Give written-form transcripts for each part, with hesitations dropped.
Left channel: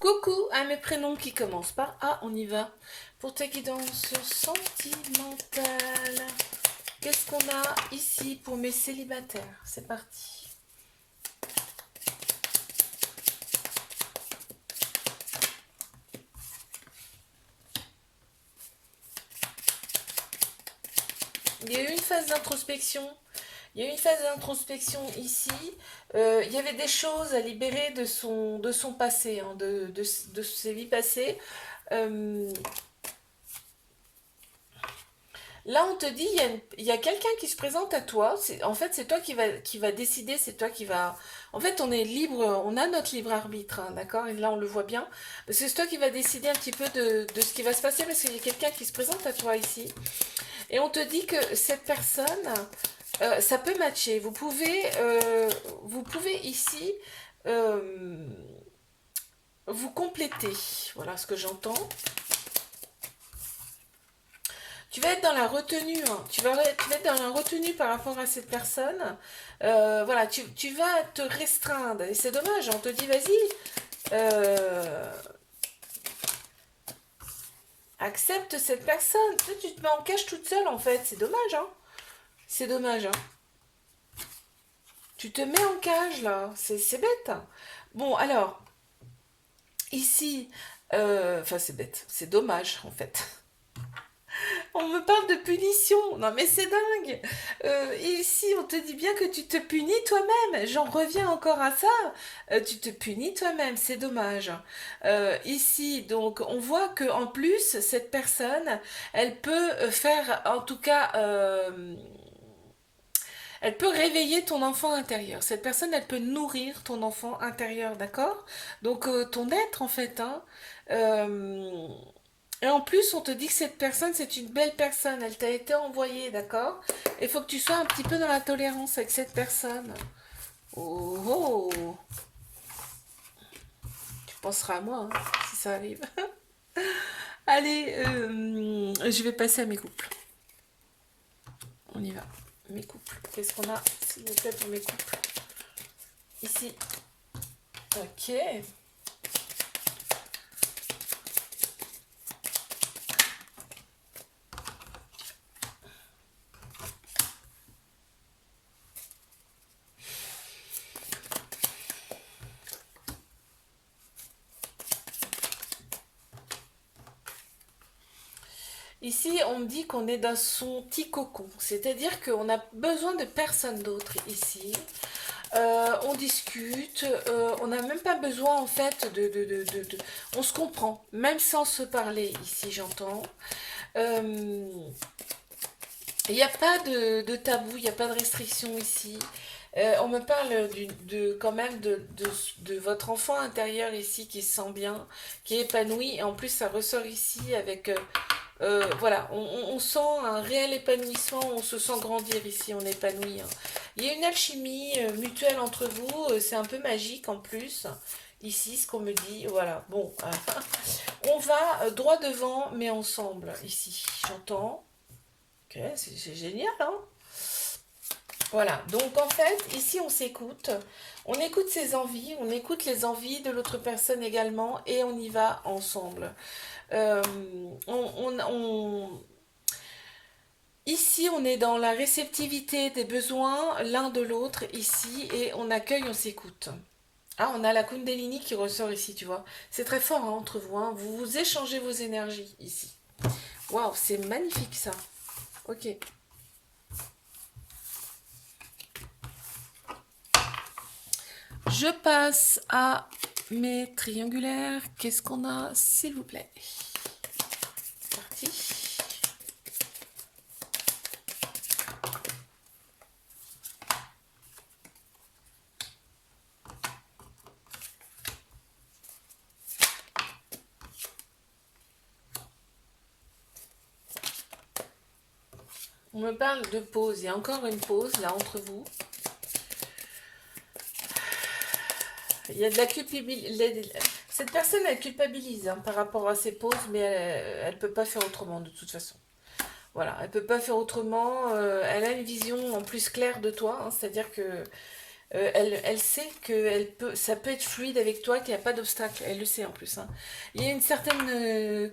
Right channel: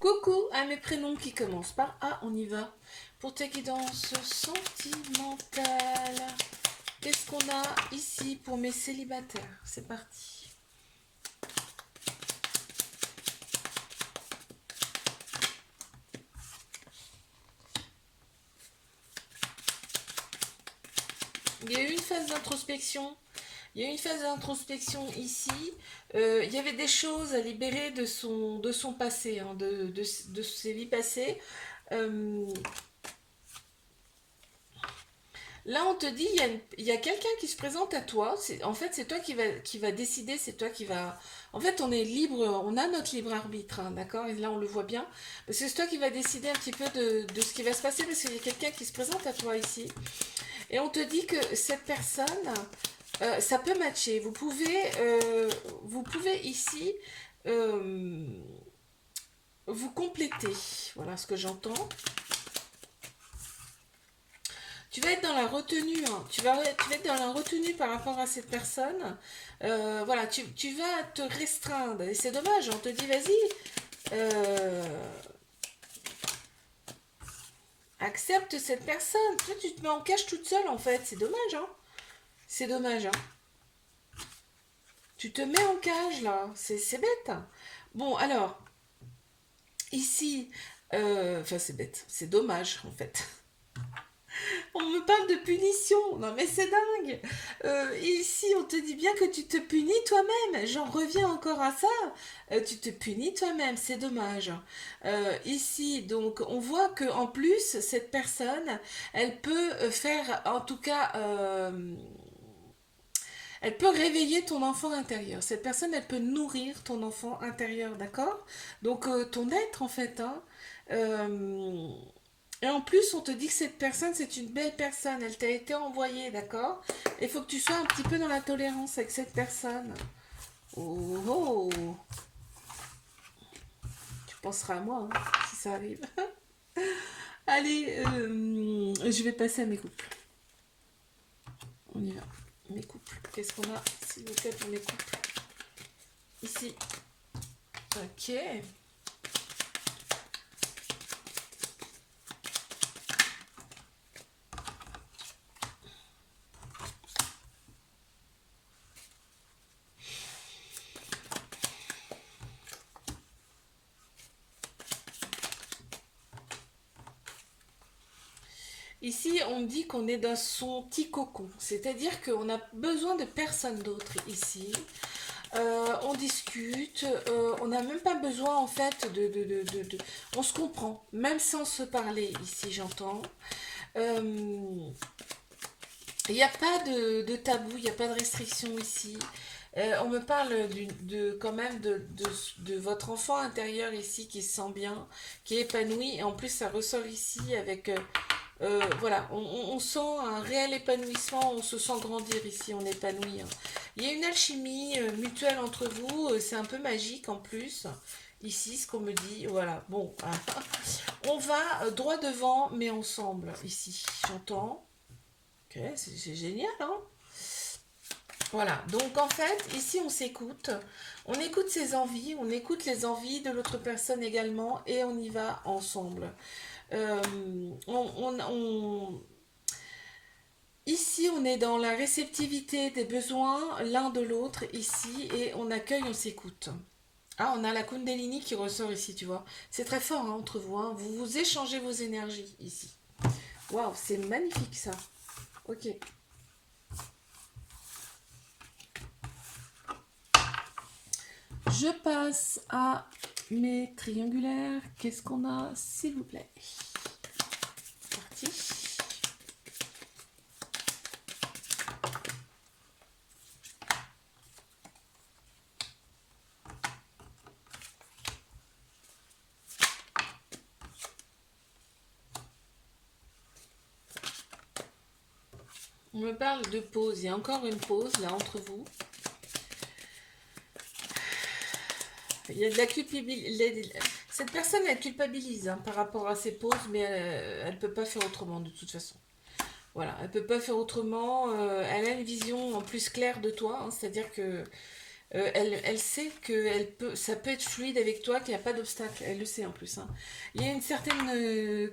Coucou à mes prénoms qui commencent par A, on y va. Pour ta guidance sentimentale, qu'est-ce qu'on a ici pour mes célibataires? C'est parti. Il y a eu une phase d'introspection. Il y a eu une phase d'introspection ici. Il y avait des choses à libérer de son passé, hein, de ses vies passées. Euh, Là, on te dit, il y a quelqu'un qui se présente à toi. En fait, c'est toi qui va décider, c'est toi qui va... En fait, on est libre, on a notre libre arbitre, hein, d'accord? Et là, on le voit bien. Parce que c'est toi qui va décider un petit peu de ce qui va se passer, parce qu'il y a quelqu'un qui se présente à toi ici. Et on te dit que cette personne, ça peut matcher. Vous pouvez ici euh, vous compléter. Voilà ce que j'entends. Tu vas être dans la retenue, hein. Tu vas être dans la retenue par rapport à cette personne. Voilà, tu vas te restreindre. Et c'est dommage, on te dit, vas-y, euh, accepte cette personne. Toi, tu te mets en cage toute seule, en fait. C'est dommage, hein. C'est dommage, hein. Tu te mets en cage, là. C'est bête. Bon, alors, ici, enfin, c'est bête. C'est dommage, en fait. On me parle de punition. Non mais c'est dingue. Ici, on te dit bien que tu te punis toi-même. J'en reviens encore à ça. Tu te punis toi-même. C'est dommage. Ici, donc, on voit que en plus, cette personne, elle peut faire, en tout cas, elle peut réveiller ton enfant intérieur. Cette personne, elle peut nourrir ton enfant intérieur, d'accord? Donc, ton être, en fait, hein. Euh, et en plus, on te dit que cette personne, c'est une belle personne. Elle t'a été envoyée, d'accord? Il faut que tu sois un petit peu dans la tolérance avec cette personne. Oh, oh. Tu penseras à moi, hein, si ça arrive. Allez, je vais passer à mes couples. On y va. Mes couples. Qu'est-ce qu'on a, s'il vous plaît, pour mes couples? Ici. Ok. Ici, on me dit qu'on est dans son petit cocon. C'est-à-dire qu'on a besoin de personne d'autre ici. On discute, on n'a même pas besoin en fait On se comprend, même sans se parler ici, j'entends. Euh, Il n'y a pas de tabou, il n'y a pas de restriction ici. On me parle quand même de votre enfant intérieur ici qui se sent bien, qui est épanoui. Et en plus, ça ressort ici avec voilà, on sent un réel épanouissement, on se sent grandir ici, on est épanoui, hein. Il y a une alchimie mutuelle entre vous, c'est un peu magique en plus. Ici, ce qu'on me dit, voilà, bon, on va droit devant, mais ensemble, ici, j'entends. Ok, c'est génial, hein? Voilà, donc en fait, ici, on s'écoute, on écoute ses envies, on écoute les envies de l'autre personne également, et on y va ensemble. Euh, on, Ici, on est dans la réceptivité des besoins l'un de l'autre ici et on accueille, on s'écoute. Ah, on a la Kundalini qui ressort ici, tu vois. C'est très fort hein, entre vous, hein. Vous vous échangez vos énergies ici. Waouh, c'est magnifique ça. Ok. Je passe à mes triangulaires. Qu'est-ce qu'on a, s'il vous plaît? C'est parti. On me parle de pause. Il y a encore une pause là entre vous. Il y a de la culpabilité. Cette personne, elle culpabilise hein, par rapport à ses pauses, mais elle ne peut pas faire autrement de toute façon. Voilà, elle ne peut pas faire autrement. Elle a une vision en plus claire de toi, hein, c'est-à-dire que Elle sait que ça peut être fluide avec toi, qu'il n'y a pas d'obstacle. Elle le sait en plus, hein. Il y a une certaine...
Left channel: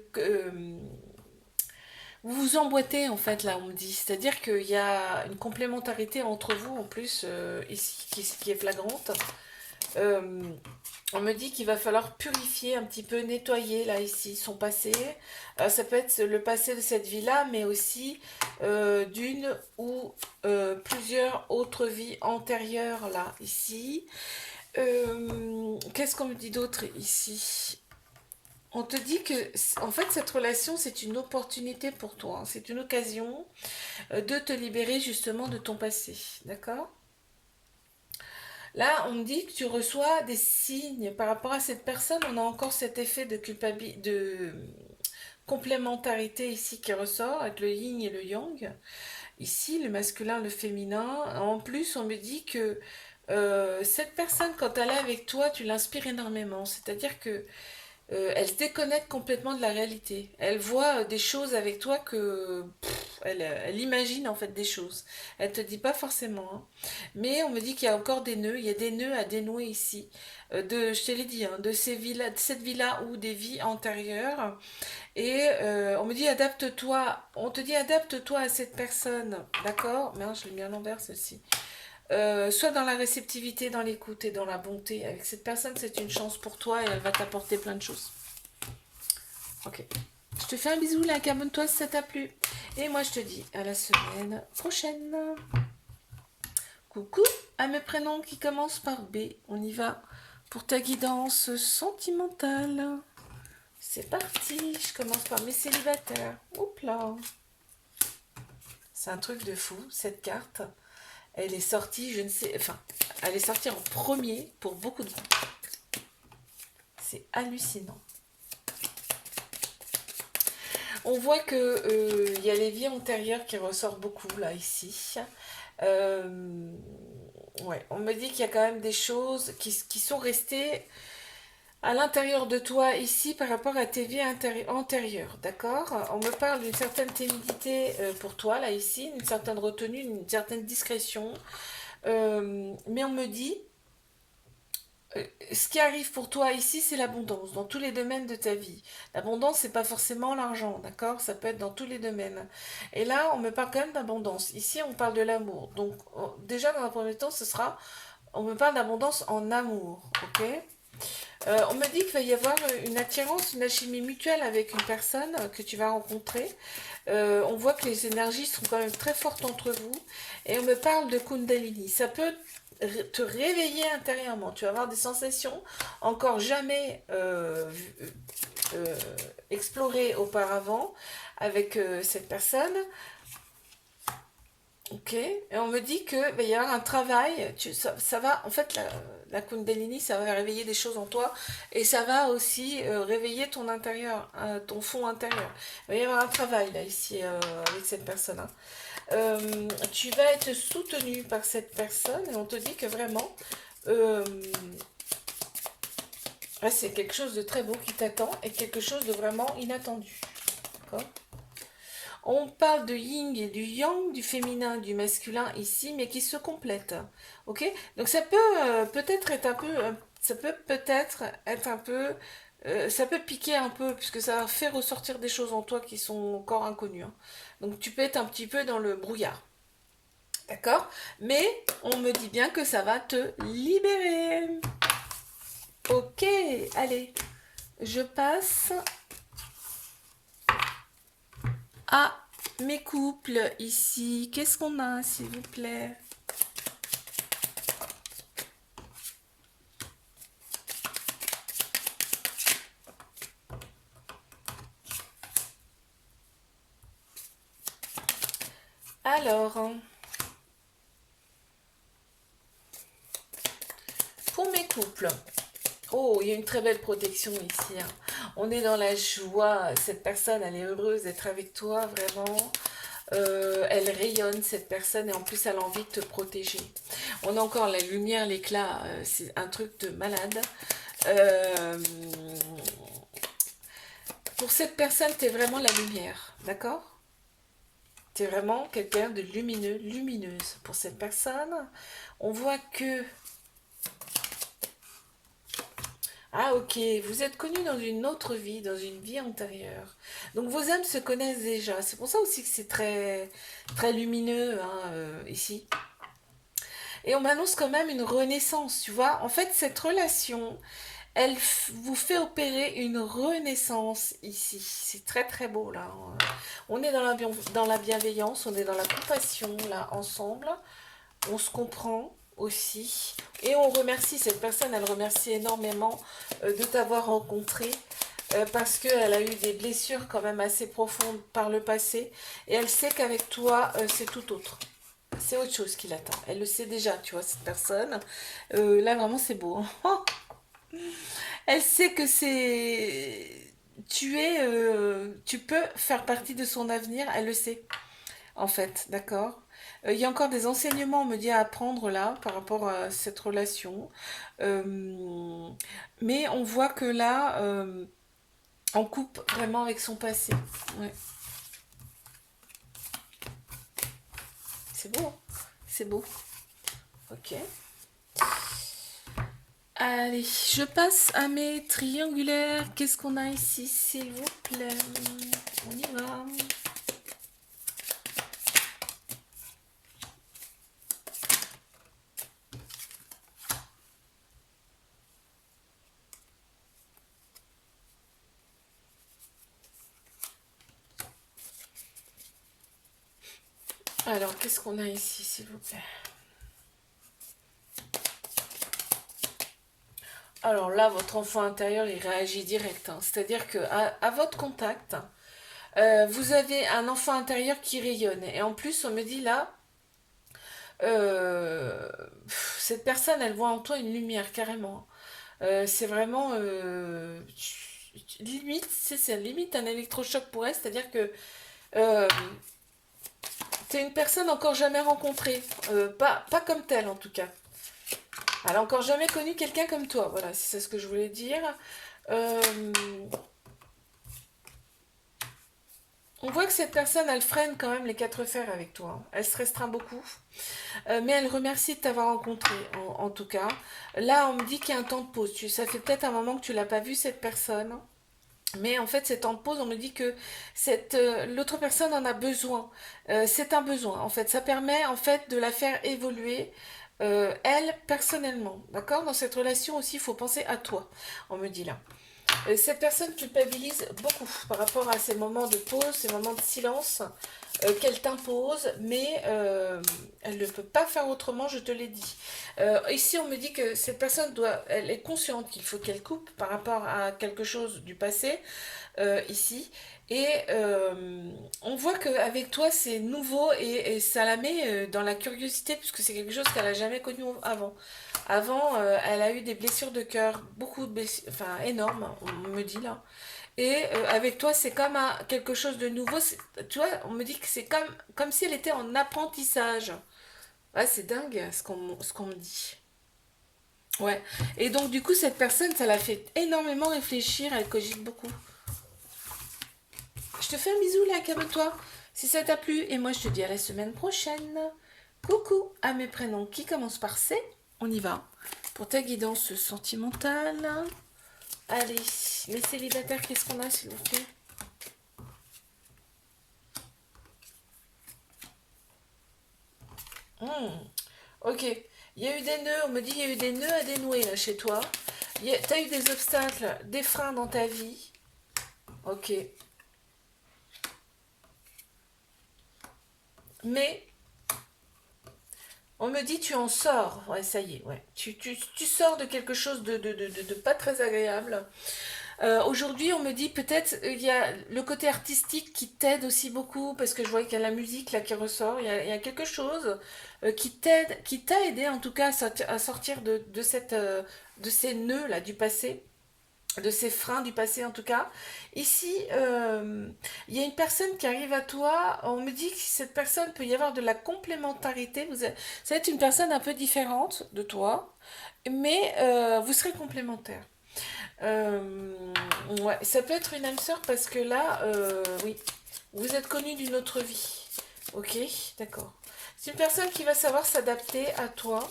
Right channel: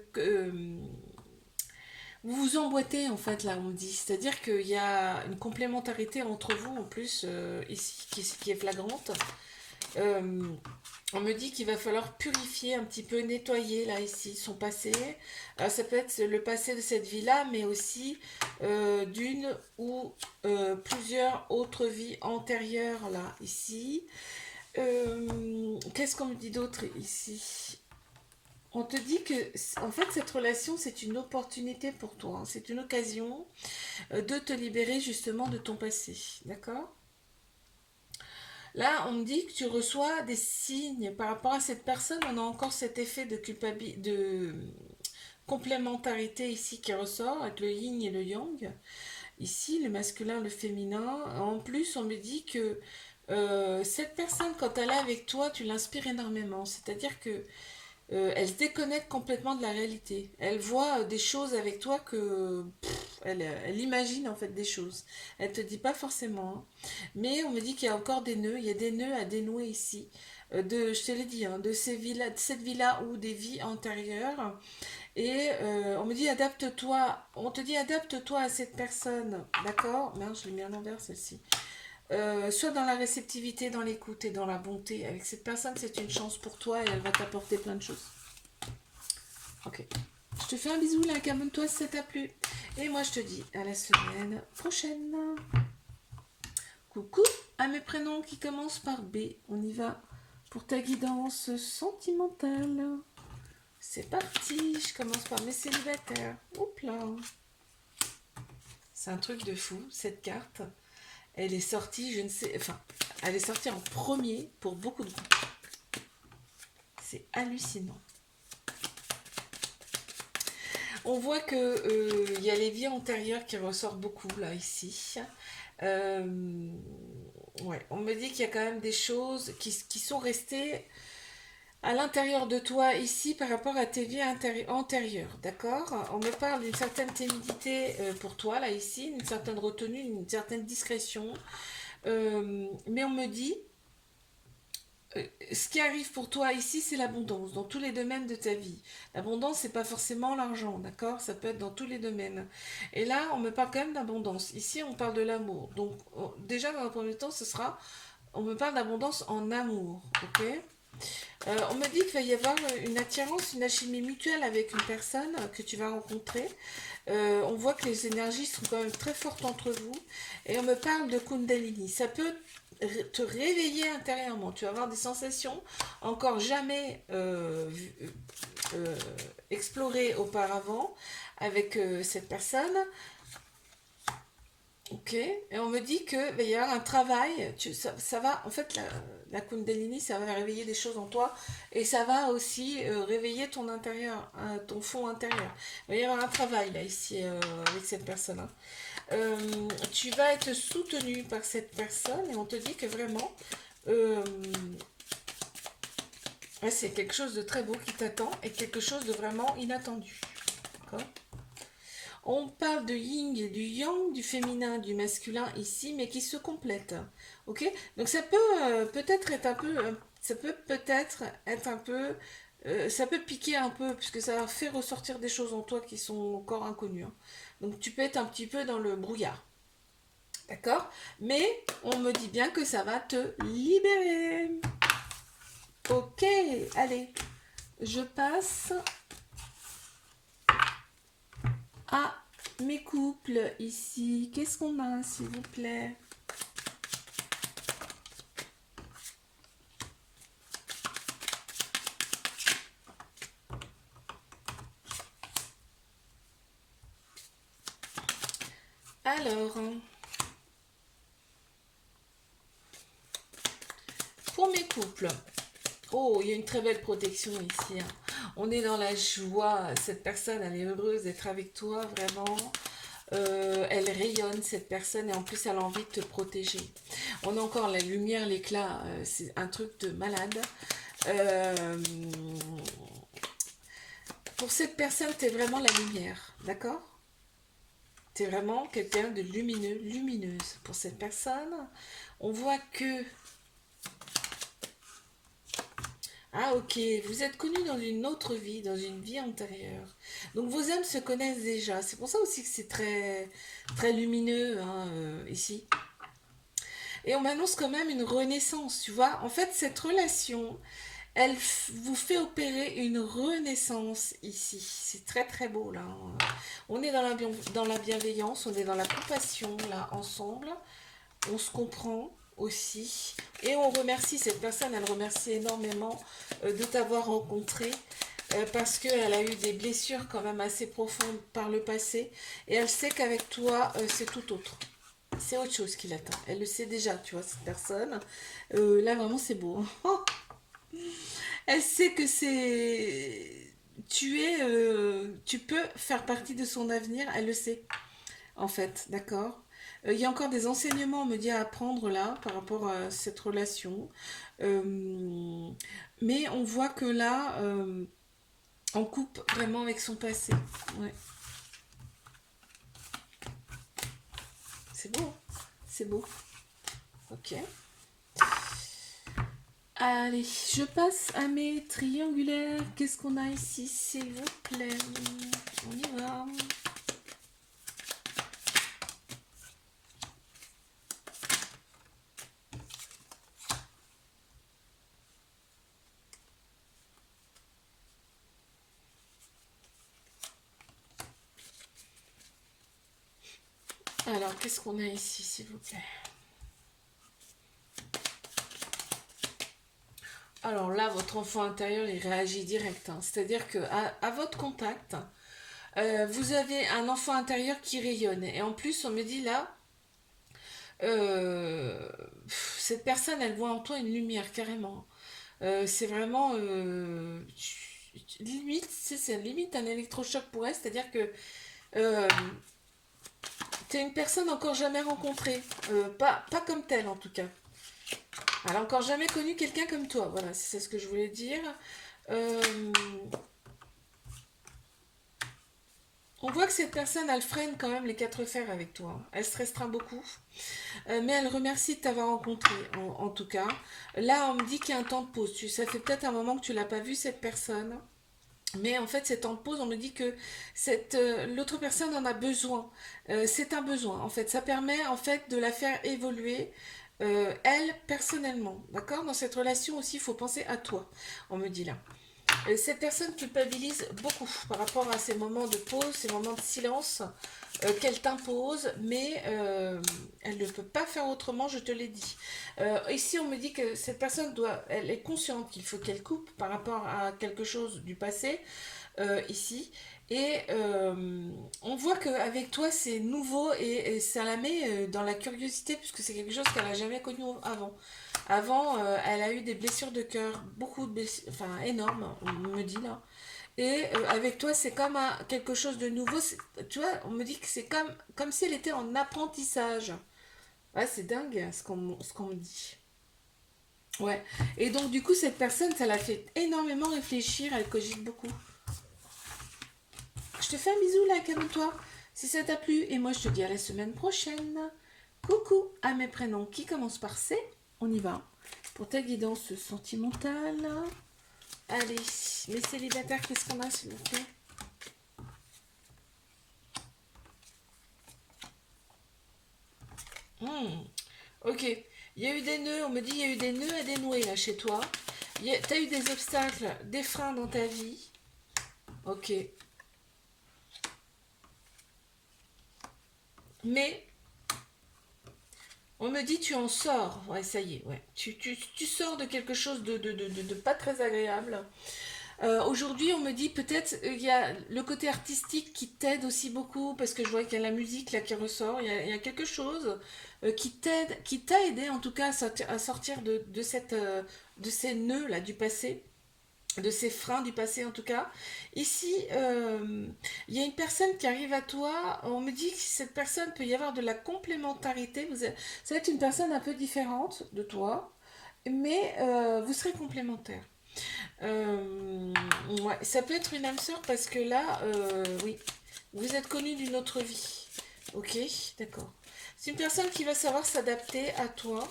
vous vous emboîtez en fait là, on me dit. C'est-à-dire qu'il y a une complémentarité entre vous en plus ici qui est flagrante. Euh, on me dit qu'il va falloir purifier un petit peu, nettoyer là ici son passé. Ça peut être le passé de cette vie-là, mais aussi d'une ou plusieurs autres vies antérieures là ici. Qu'est-ce qu'on me dit d'autre ici? On te dit que en fait cette relation c'est une opportunité pour toi, hein. C'est une occasion de te libérer justement de ton passé, d'accord? Là, on me dit que tu reçois des signes par rapport à cette personne. On a encore cet effet de culpabilité, de complémentarité ici qui ressort avec le yin et le yang. Ici, le masculin, le féminin. En plus, on me dit que cette personne, quand elle est avec toi, tu l'inspires énormément. C'est-à-dire que elle se déconnecte complètement de la réalité. Elle voit des choses avec toi que elle imagine en fait des choses. Elle te dit pas forcément, hein. Mais on me dit qu'il y a encore des nœuds. Il y a des nœuds à dénouer ici. Je te l'ai dit, hein, de cette vie-là ou des vies antérieures. Et on me dit adapte-toi. On te dit adapte-toi à cette personne. D'accord? Mais je l'ai mis à l'envers celle-ci. Soit dans la réceptivité, dans l'écoute et dans la bonté. Avec cette personne, c'est une chance pour toi et elle va t'apporter plein de choses. Ok. Je te fais un bisou, là, abonne-toi si ça t'a plu. Et moi, je te dis à la semaine prochaine. Coucou à mes prénoms qui commencent par B. On y va pour ta guidance sentimentale. C'est parti. Je commence par mes célibataires. Oups là. C'est un truc de fou, cette carte. Elle est sortie, je ne sais... Enfin, elle est sortie en premier pour beaucoup de monde. C'est hallucinant. On voit que y a les vies antérieures qui ressortent beaucoup, là, ici. Ouais, on me dit qu'il y a quand même des choses qui sont restées à l'intérieur de toi ici par rapport à tes vies antérieures, d'accord? On me parle d'une certaine timidité pour toi, là, ici, une certaine retenue, une certaine discrétion. Mais on me dit, ce qui arrive pour toi ici, c'est l'abondance dans tous les domaines de ta vie. L'abondance, c'est pas forcément l'argent, d'accord? Ça peut être dans tous les domaines. Et là, on me parle quand même d'abondance. Ici, on parle de l'amour. Donc, déjà, dans un premier temps, on me parle d'abondance en amour, ok? On me dit qu'il va y avoir une attirance, une alchimie mutuelle avec une personne que tu vas rencontrer. On voit que les énergies sont quand même très fortes entre vous. Et on me parle de Kundalini. Ça peut te réveiller intérieurement. Tu vas avoir des sensations encore jamais explorées auparavant avec cette personne. Ok. Et on me dit que va y avoir un travail. Ça va, en fait, la Kundalini, ça va réveiller des choses en toi et ça va aussi réveiller ton intérieur, ton fond intérieur. Il va y avoir un travail là ici avec cette personne, hein. Tu vas être soutenu par cette personne et on te dit que vraiment c'est quelque chose de très beau qui t'attend et quelque chose de vraiment inattendu. D'accord? On parle de yin et du yang, du féminin, du masculin ici, mais qui se complètent. Ok? Donc ça peut peut-être être un peu, ça peut peut-être être un peu, ça peut piquer un peu puisque ça fait ressortir des choses en toi qui sont encore inconnues, hein. Donc tu peux être un petit peu dans le brouillard. D'accord? Mais on me dit bien que ça va te libérer. Ok, allez. Je passe à mes couples ici. Qu'est-ce qu'on a, s'il vous plaît? Alors, pour mes couples, oh, il y a une très belle protection ici, hein. On est dans la joie. Cette personne, elle est heureuse d'être avec toi, vraiment. Elle rayonne, cette personne, et en plus, elle a envie de te protéger. On a encore la lumière, l'éclat. C'est un truc de malade. Euh, pour cette personne, tu es vraiment la lumière, d'accord? Tu es vraiment quelqu'un de lumineux, lumineuse. Pour cette personne, on voit que Ah ok, vous êtes connus dans une autre vie, dans une vie antérieure. Donc vos âmes se connaissent déjà. C'est pour ça aussi que c'est très, très lumineux hein, ici. Et on m'annonce quand même une renaissance, tu vois. En fait, cette relation, vous fait opérer une renaissance ici. C'est très très beau là. On est dans la bienveillance, on est dans la compassion là ensemble. On se comprend aussi. Et on remercie cette personne, elle remercie énormément de t'avoir rencontré. Parce qu'elle a eu des blessures quand même assez profondes par le passé. Et elle sait qu'avec toi, c'est tout autre. C'est autre chose qui l'attend. Elle le sait déjà, tu vois, cette personne. Là, vraiment, c'est beau. Elle sait que c'est... Tu peux faire partie de son avenir. Elle le sait, en fait, d'accord. Il y a encore des enseignements, on me dit, à apprendre là, par rapport à cette relation. Euh, mais on voit que là, on coupe vraiment avec son passé. Ouais. C'est beau, hein. C'est beau. Ok. Allez, je passe à mes triangulaires. Qu'est-ce qu'on a ici, s'il vous plaît? On y va. Alors, qu'est-ce qu'on a ici, s'il vous plaît? Alors là, votre enfant intérieur, il réagit direct, hein. C'est-à-dire que à votre contact, vous avez un enfant intérieur qui rayonne. Et en plus, on me dit là, euh, cette personne, elle voit en toi une lumière, carrément. C'est vraiment... limite, c'est limite un électrochoc pour elle. C'est-à-dire que euh, t'es une personne encore jamais rencontrée. Pas comme telle, en tout cas. Elle a encore jamais connu quelqu'un comme toi. Voilà, c'est ce que je voulais dire. Euh, on voit que cette personne, elle freine quand même les quatre fers avec toi. Elle se restreint beaucoup. Mais elle remercie de t'avoir rencontré, en tout cas. Là, on me dit qu'il y a un temps de pause. Ça fait peut-être un moment que tu l'as pas vu, cette personne. Mais en fait, ces temps de pause, on me dit que l'autre personne en a besoin. C'est un besoin, en fait. Ça permet, en fait, de la faire évoluer, elle, personnellement. D'accord. Dans cette relation aussi, il faut penser à toi, on me dit là. Cette personne culpabilise beaucoup par rapport à ces moments de pause, ces moments de silence qu'elle t'impose, mais elle ne peut pas faire autrement, je te l'ai dit. Ici, on me dit que cette personne elle est consciente qu'il faut qu'elle coupe par rapport à quelque chose du passé, ici. Et on voit qu'avec toi, c'est nouveau et ça la met dans la curiosité, puisque c'est quelque chose qu'elle n'a jamais connu avant. Avant, elle a eu des blessures de cœur, beaucoup de blessures, enfin énormes, on me dit là. Et avec toi, c'est comme quelque chose de nouveau. Tu vois, on me dit que c'est comme si elle était en apprentissage. Ouais, c'est dingue ce qu'on me dit. Ouais. Et donc, du coup, cette personne, ça l'a fait énormément réfléchir. Elle cogite beaucoup. Je te fais un bisou là, calme-toi. Si ça t'a plu, et moi je te dis à la semaine prochaine. Coucou à mes prénoms qui commencent par C. On y va. Pour ta guidance sentimentale. Allez, mes célibataires, qu'est-ce qu'on a s'il vous plaît? Hmm, ok. Il y a eu des nœuds, on me dit il y a eu des nœuds à dénouer là chez toi. T'as eu des obstacles, des freins dans ta vie. Ok. Mais on me dit tu en sors. Ouais, ça y est, ouais. Tu sors de quelque chose de pas très agréable. Aujourd'hui, on me dit peut-être il y a le côté artistique qui t'aide aussi beaucoup parce que je vois qu'il y a la musique là qui ressort. Il y a quelque chose qui t'a aidé en tout cas à sortir de ces nœuds là du passé, de ces freins du passé en tout cas. Ici, il y a une personne qui arrive à toi. On me dit que cette personne peut y avoir de la complémentarité. Ça va être une personne un peu différente de toi, mais vous serez complémentaires. Euh, ouais, ça peut être une âme sœur parce que là, oui, vous êtes connu d'une autre vie. Ok, d'accord. C'est une personne qui va savoir s'adapter à toi.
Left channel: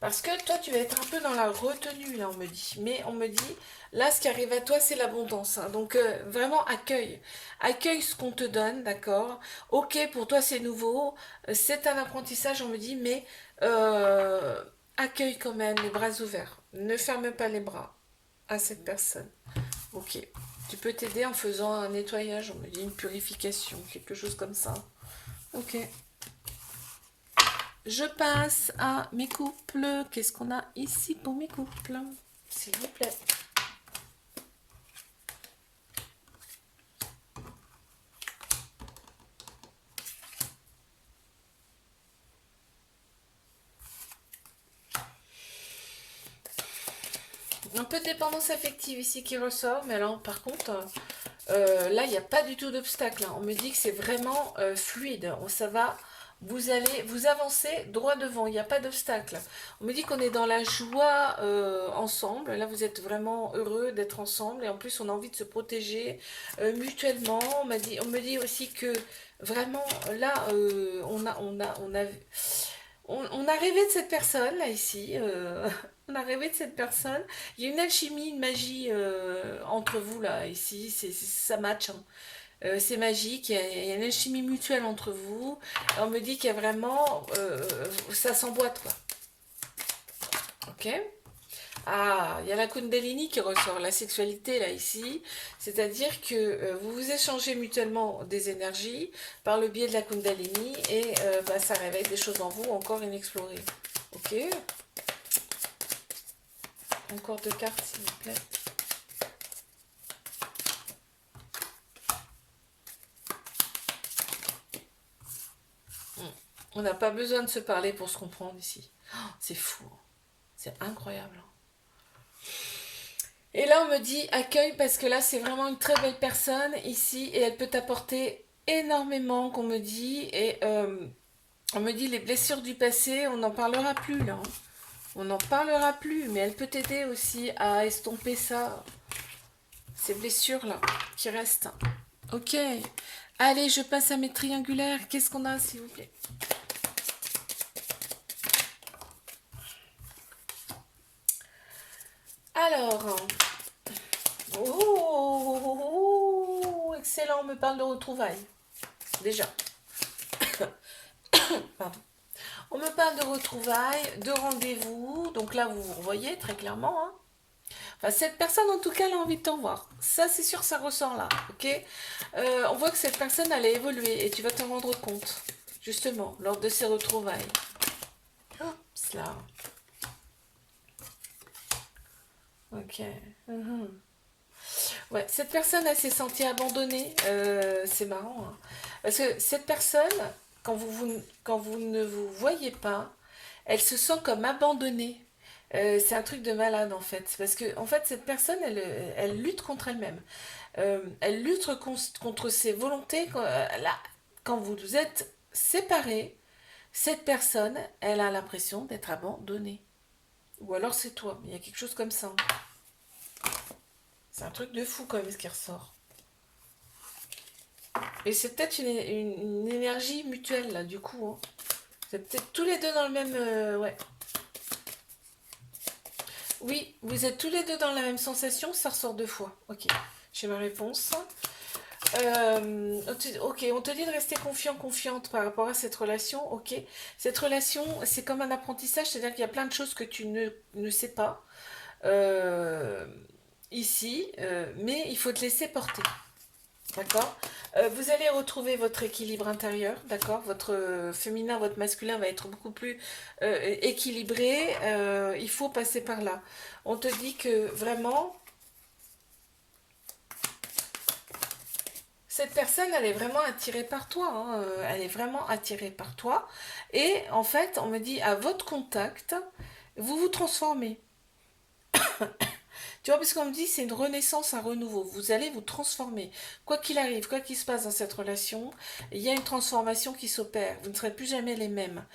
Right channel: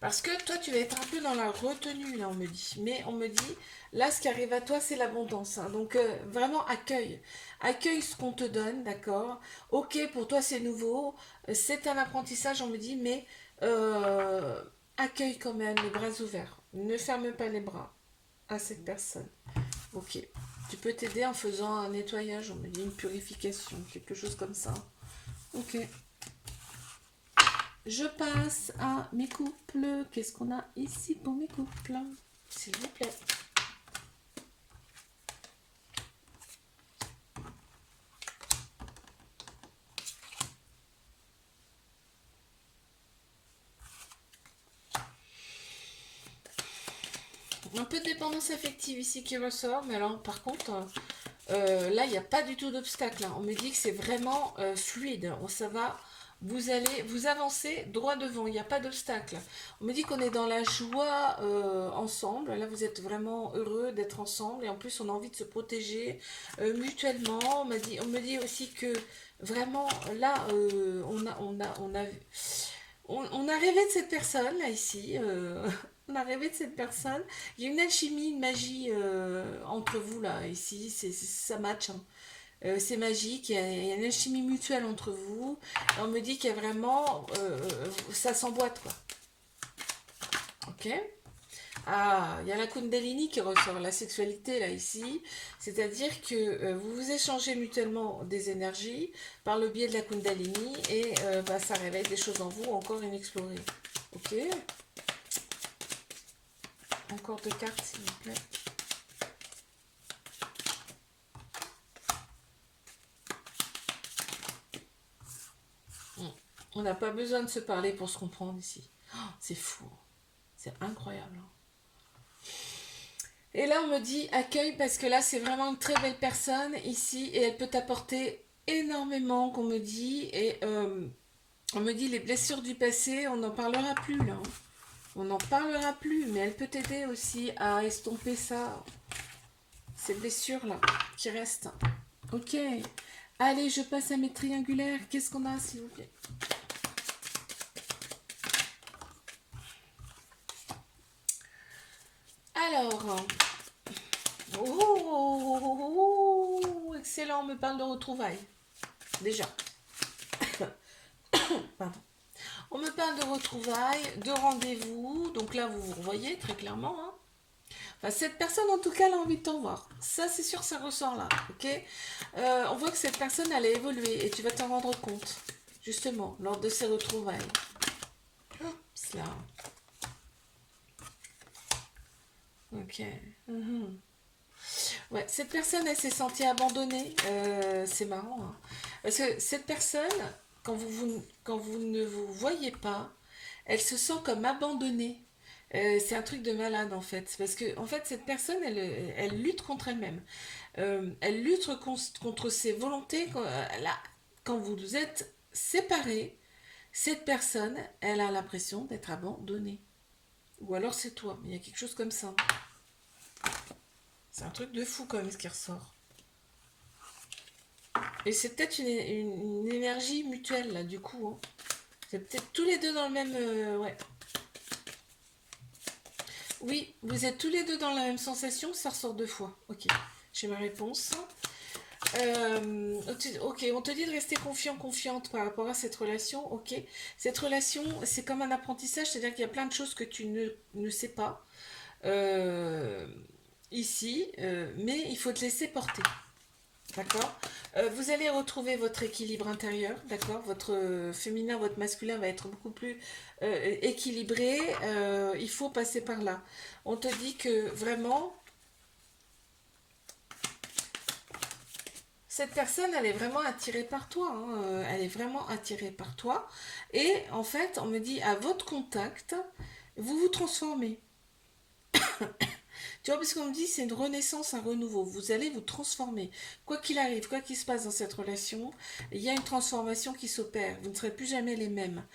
Parce que toi, tu vas être un peu dans la retenue, là, on me dit. Mais on me dit, là, ce qui arrive à toi, c'est l'abondance, hein. Donc, vraiment, accueille. Accueille ce qu'on te donne, d'accord? Ok, pour toi, c'est nouveau. C'est un apprentissage, on me dit, mais euh, accueille quand même les bras ouverts. Ne ferme pas les bras à cette personne. Ok. Tu peux t'aider en faisant un nettoyage, on me dit, une purification, quelque chose comme ça. Ok. Je passe à mes couples. Qu'est-ce qu'on a ici pour mes couples? S'il vous plaît. Un peu de dépendance affective ici qui ressort, mais alors par contre, là, il n'y a pas du tout d'obstacle, hein. On me dit que c'est vraiment fluide. Ça va, vous allez vous avancer droit devant, il n'y a pas d'obstacle. On me dit qu'on est dans la joie ensemble. Là, vous êtes vraiment heureux d'être ensemble et en plus, on a envie de se protéger mutuellement. On me dit aussi que vraiment, là, on a rêvé de cette personne, là, ici. On a rêvé de cette personne. Il y a une alchimie, une magie entre vous, là, ici. Ça match, hein. C'est magique. Il y a une alchimie mutuelle entre vous. Et on me dit qu'il y a vraiment... ça s'emboîte, quoi. Ok? Ah, il y a la Kundalini qui ressort, la sexualité là ici, c'est-à-dire que vous vous échangez mutuellement des énergies par le biais de la Kundalini et bah, ça réveille des choses en vous encore inexplorées. Ok? Encore deux cartes s'il vous plaît. On n'a pas besoin de se parler pour se comprendre ici. Oh, c'est fou, c'est incroyable. Et là, on me dit accueille parce que là, c'est vraiment une très belle personne ici et elle peut t'apporter énormément, qu'on me dit. Et on me dit les blessures du passé, on n'en parlera plus là, hein. On n'en parlera plus, mais elle peut t'aider aussi à estomper ça, ces blessures là qui restent. Ok. Allez, je passe à mes triangulaires. Qu'est-ce qu'on a, s'il vous plaît? Alors, oh, excellent, on me parle de retrouvailles. Déjà. Pardon. On me parle de retrouvailles, de rendez-vous. Donc là, vous vous revoyez très clairement, hein. Enfin, cette personne, en tout cas, elle a envie de t'en voir. Ça, c'est sûr, ça ressort là. Ok. On voit que cette personne, elle a évolué et tu vas t'en rendre compte, justement, lors de ces retrouvailles. Hop, là. Ok. Mhm. Ouais, cette personne, elle s'est sentie abandonnée. C'est marrant, hein. Parce que cette personne, quand vous ne vous voyez pas, elle se sent comme abandonnée. C'est un truc de malade en fait. Parce que en fait, cette personne, elle lutte contre elle-même. Elle lutte contre ses volontés. Quand vous êtes séparés, cette personne, elle a l'impression d'être abandonnée. Ou alors c'est toi. Il y a quelque chose comme ça. C'est un truc de fou quand même ce qui ressort. Et c'est peut-être une énergie mutuelle là du coup, hein. C'est peut-être tous les deux dans le même... ouais. Oui, vous êtes tous les deux dans la même sensation, ça ressort deux fois. Ok, j'ai ma réponse. Ok, on te dit de rester confiant, confiante par rapport à cette relation. Ok, cette relation, c'est comme un apprentissage, c'est-à-dire qu'il y a plein de choses que tu ne sais pas euh, ici, mais il faut te laisser porter. D'accord. Vous allez retrouver votre équilibre intérieur, d'accord. Votre féminin, votre masculin va être beaucoup plus équilibré. Il faut passer par là. On te dit que vraiment, cette personne, elle est vraiment attirée par toi, hein. Elle est vraiment attirée par toi. Et en fait, on me dit, à votre contact, vous vous transformez. Tu vois, parce qu'on me dit c'est une renaissance, un renouveau. Vous allez vous transformer. Quoi qu'il arrive, quoi qu'il se passe dans cette relation, il y a une transformation qui s'opère. Vous ne serez plus jamais les mêmes.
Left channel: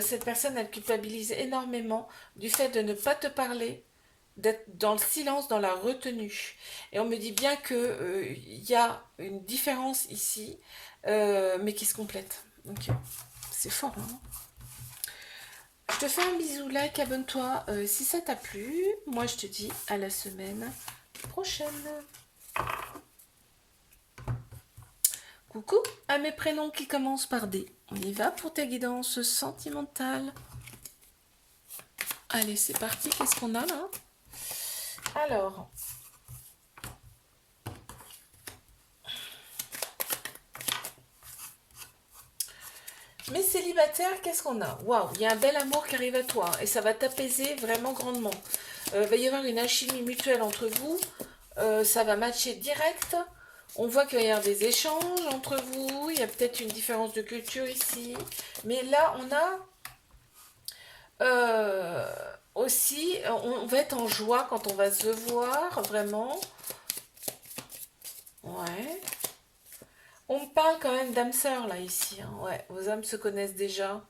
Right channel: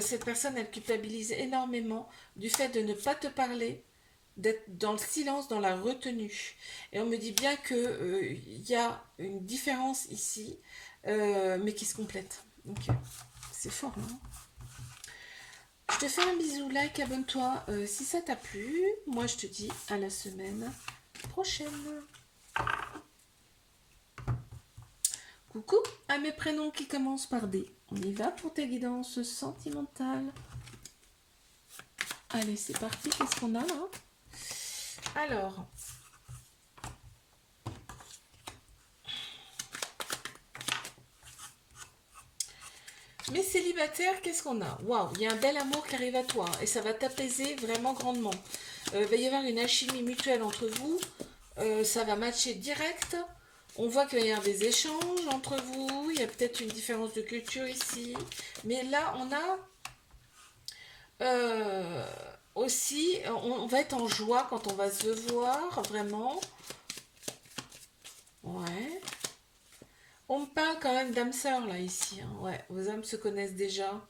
Cette personne, elle culpabilise énormément du fait de ne pas te parler, d'être dans le silence, dans la retenue. Et on me dit bien que il y a une différence ici, mais qui se complète. Ok, c'est fort, hein. Je te fais un bisou, like, abonne-toi si ça t'a plu. Moi, je te dis à la semaine prochaine. Coucou à mes prénoms qui commencent par D. On y va pour ta guidance sentimentale. Allez, c'est parti. Qu'est-ce qu'on a là? Alors, mes célibataires, qu'est-ce qu'on a? Waouh, il y a un bel amour qui arrive à toi et ça va t'apaiser vraiment grandement. Il va y avoir une alchimie mutuelle entre vous. Ça va matcher direct. On voit qu'il va y avoir des échanges entre vous. Il y a peut-être une différence de culture ici. Mais là, on a aussi, on va être en joie quand on va se voir, vraiment. Ouais. On me parle quand même d'âme sœur, là, ici, hein. Ouais, vos âmes se connaissent déjà.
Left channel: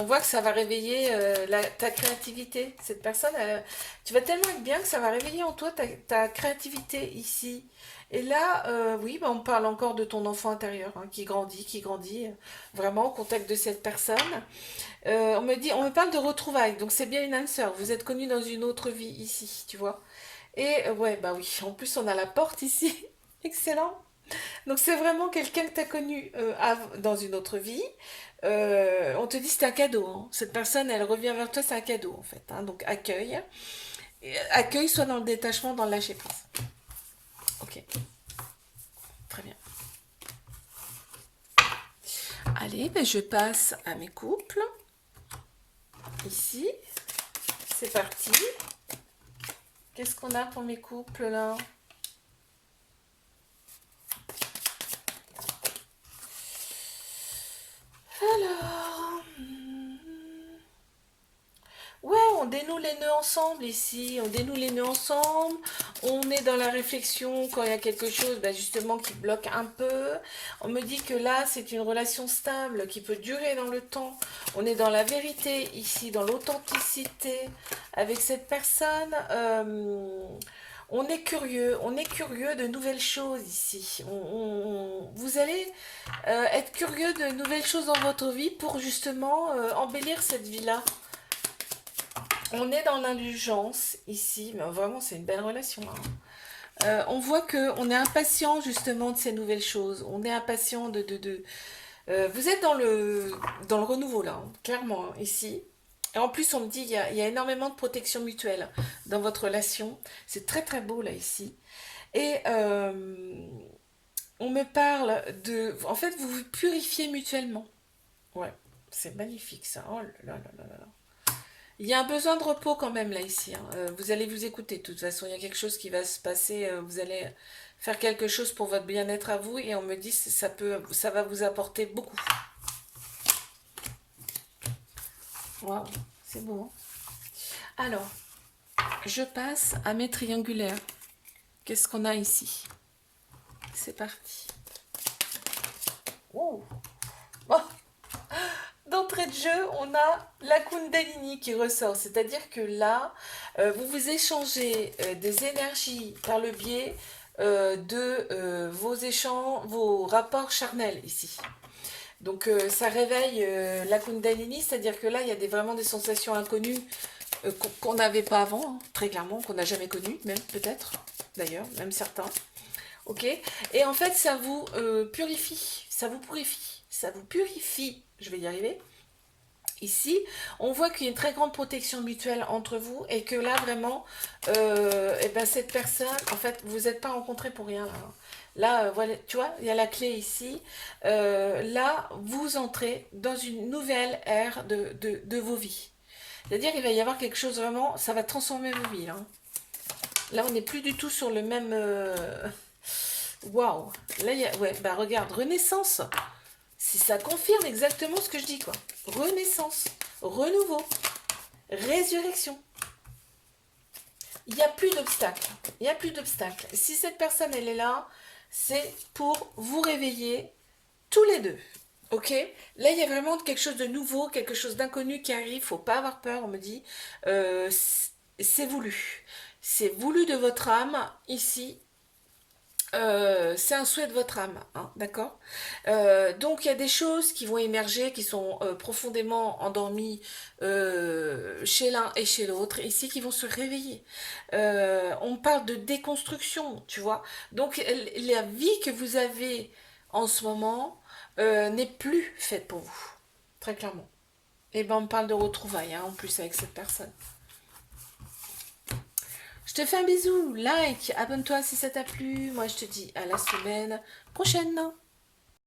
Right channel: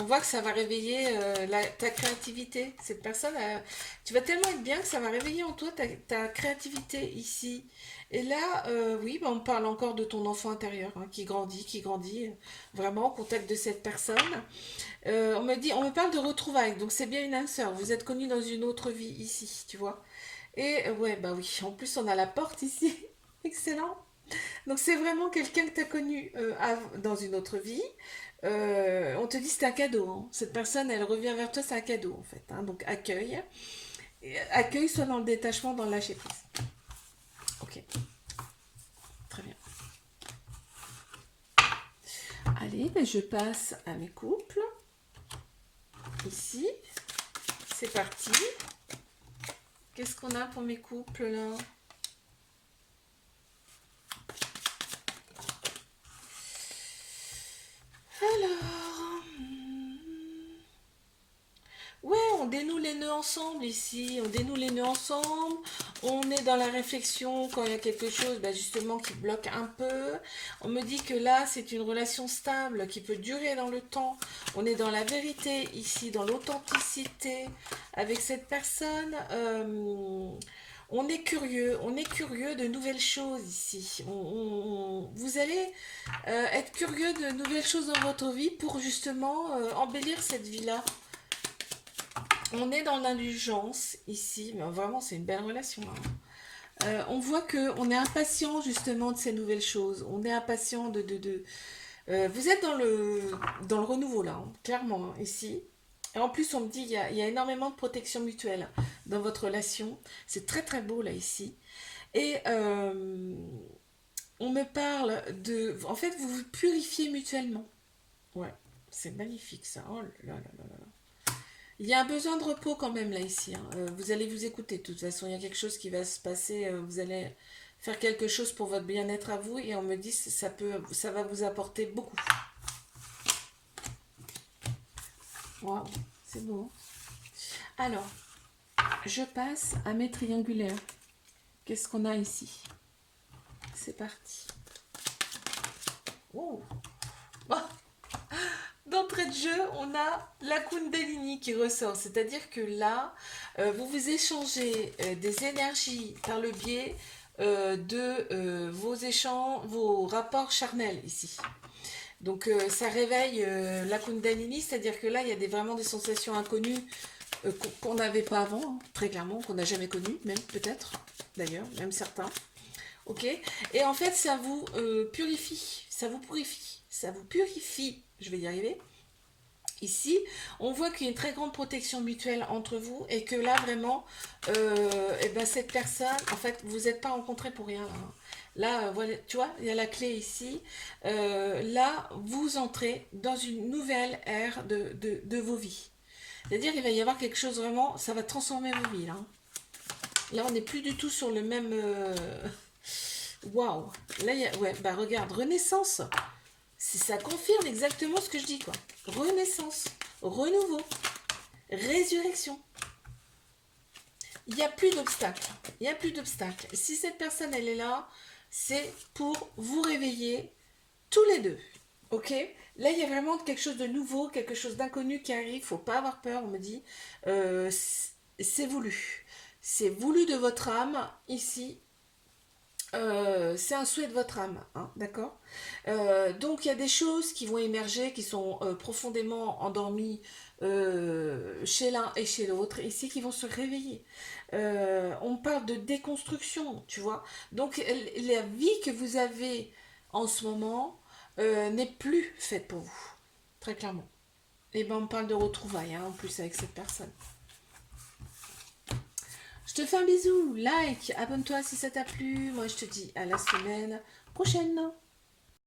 On voit que ça va réveiller ta créativité. Cette personne, tu vas tellement être bien que ça va réveiller en toi ta créativité ici. Et là, oui, bah, on parle encore de ton enfant intérieur hein, qui grandit vraiment au contact de cette personne. On me parle de retrouvailles, donc c'est bien une âme sœur. Vous êtes connus dans une autre vie ici, tu vois. Et ouais, bah oui, en plus on a la porte ici. Excellent. Donc c'est vraiment quelqu'un que tu as connu dans une autre vie. On te dit c'est un cadeau, hein. Cette personne, elle revient vers toi, c'est un cadeau en fait, hein. Donc accueille. Accueille soit dans le détachement, dans le lâcher prise. Ok, très bien. Allez, ben je passe à mes couples. Ici, c'est parti. Qu'est-ce qu'on a pour mes couples là? Alors, ouais, on dénoue les nœuds ensemble ici, on dénoue les nœuds ensemble, on est dans la réflexion quand il y a quelque chose bah, justement qui bloque un peu. On me dit que là c'est une relation stable qui peut durer dans le temps. On est dans la vérité ici, dans l'authenticité avec cette personne. On est curieux de nouvelles choses ici. Vous allez être curieux de nouvelles choses dans votre vie pour justement embellir cette vie-là. On est dans l'indulgence ici, mais vraiment c'est une belle relation, hein. On voit que on est impatient justement de ces nouvelles choses. On est impatient vous êtes dans le renouveau là, hein, clairement hein, ici. Et en plus on me dit il y a énormément de protection mutuelle dans votre relation. C'est très très beau là ici. Et on me parle de... En fait vous vous purifiez mutuellement. Ouais, c'est magnifique ça. Oh là là là là là. Il y a un besoin de repos quand même là ici, hein. Vous allez vous écouter de toute façon. Il y a quelque chose qui va se passer. Vous allez faire quelque chose pour votre bien-être à vous et on me dit que ça va vous apporter beaucoup. Waouh, c'est beau, hein. Alors, je passe à mes triangulaires. Qu'est-ce qu'on a ici? C'est parti. Oh. Oh. D'entrée de jeu, on a la Kundalini qui ressort. C'est-à-dire que là, vous vous échangez des énergies par le biais de vos rapports charnels ici. Donc ça réveille la Kundalini, c'est-à-dire que là, il y a vraiment des sensations inconnues qu'on n'avait pas avant, hein, très clairement, qu'on n'a jamais connues, même peut-être, d'ailleurs, même certains. Ok. Et en fait, ça vous purifie, ça vous purifie. Je vais y arriver. Ici, on voit qu'il y a une très grande protection mutuelle entre vous et que là, vraiment, et ben, cette personne, en fait, vous n'êtes pas rencontrés pour rien. Là, hein. Là, voilà, tu vois, il y a la clé ici. Là, vous entrez dans une nouvelle ère de vos vies. C'est-à-dire qu'il va y avoir quelque chose vraiment, ça va transformer vos vies. Là, là on n'est plus du tout sur le même... Waouh. Là, il y a... Ouais, bah regarde, renaissance. Ça confirme exactement ce que je dis, quoi. Renaissance, renouveau, résurrection. Il n'y a plus d'obstacles. Il n'y a plus d'obstacles. Si cette personne, elle est là, c'est pour vous réveiller tous les deux. Ok? Là, il y a vraiment quelque chose de nouveau, quelque chose d'inconnu qui arrive. Faut pas avoir peur, on me dit. C'est voulu. C'est voulu de votre âme, ici. c'est un souhait de votre âme, hein, d'accord? Donc il y a des choses qui vont émerger, qui sont profondément endormies chez l'un et chez l'autre, ici qui vont se réveiller. On parle de déconstruction, tu vois. Donc la vie que vous avez en ce moment n'est plus faite pour vous, très clairement. Et ben on parle de retrouvailles, hein, en plus avec cette personne. Je te fais un bisou, like, abonne-toi si ça t'a plu. Moi je te dis à la semaine prochaine.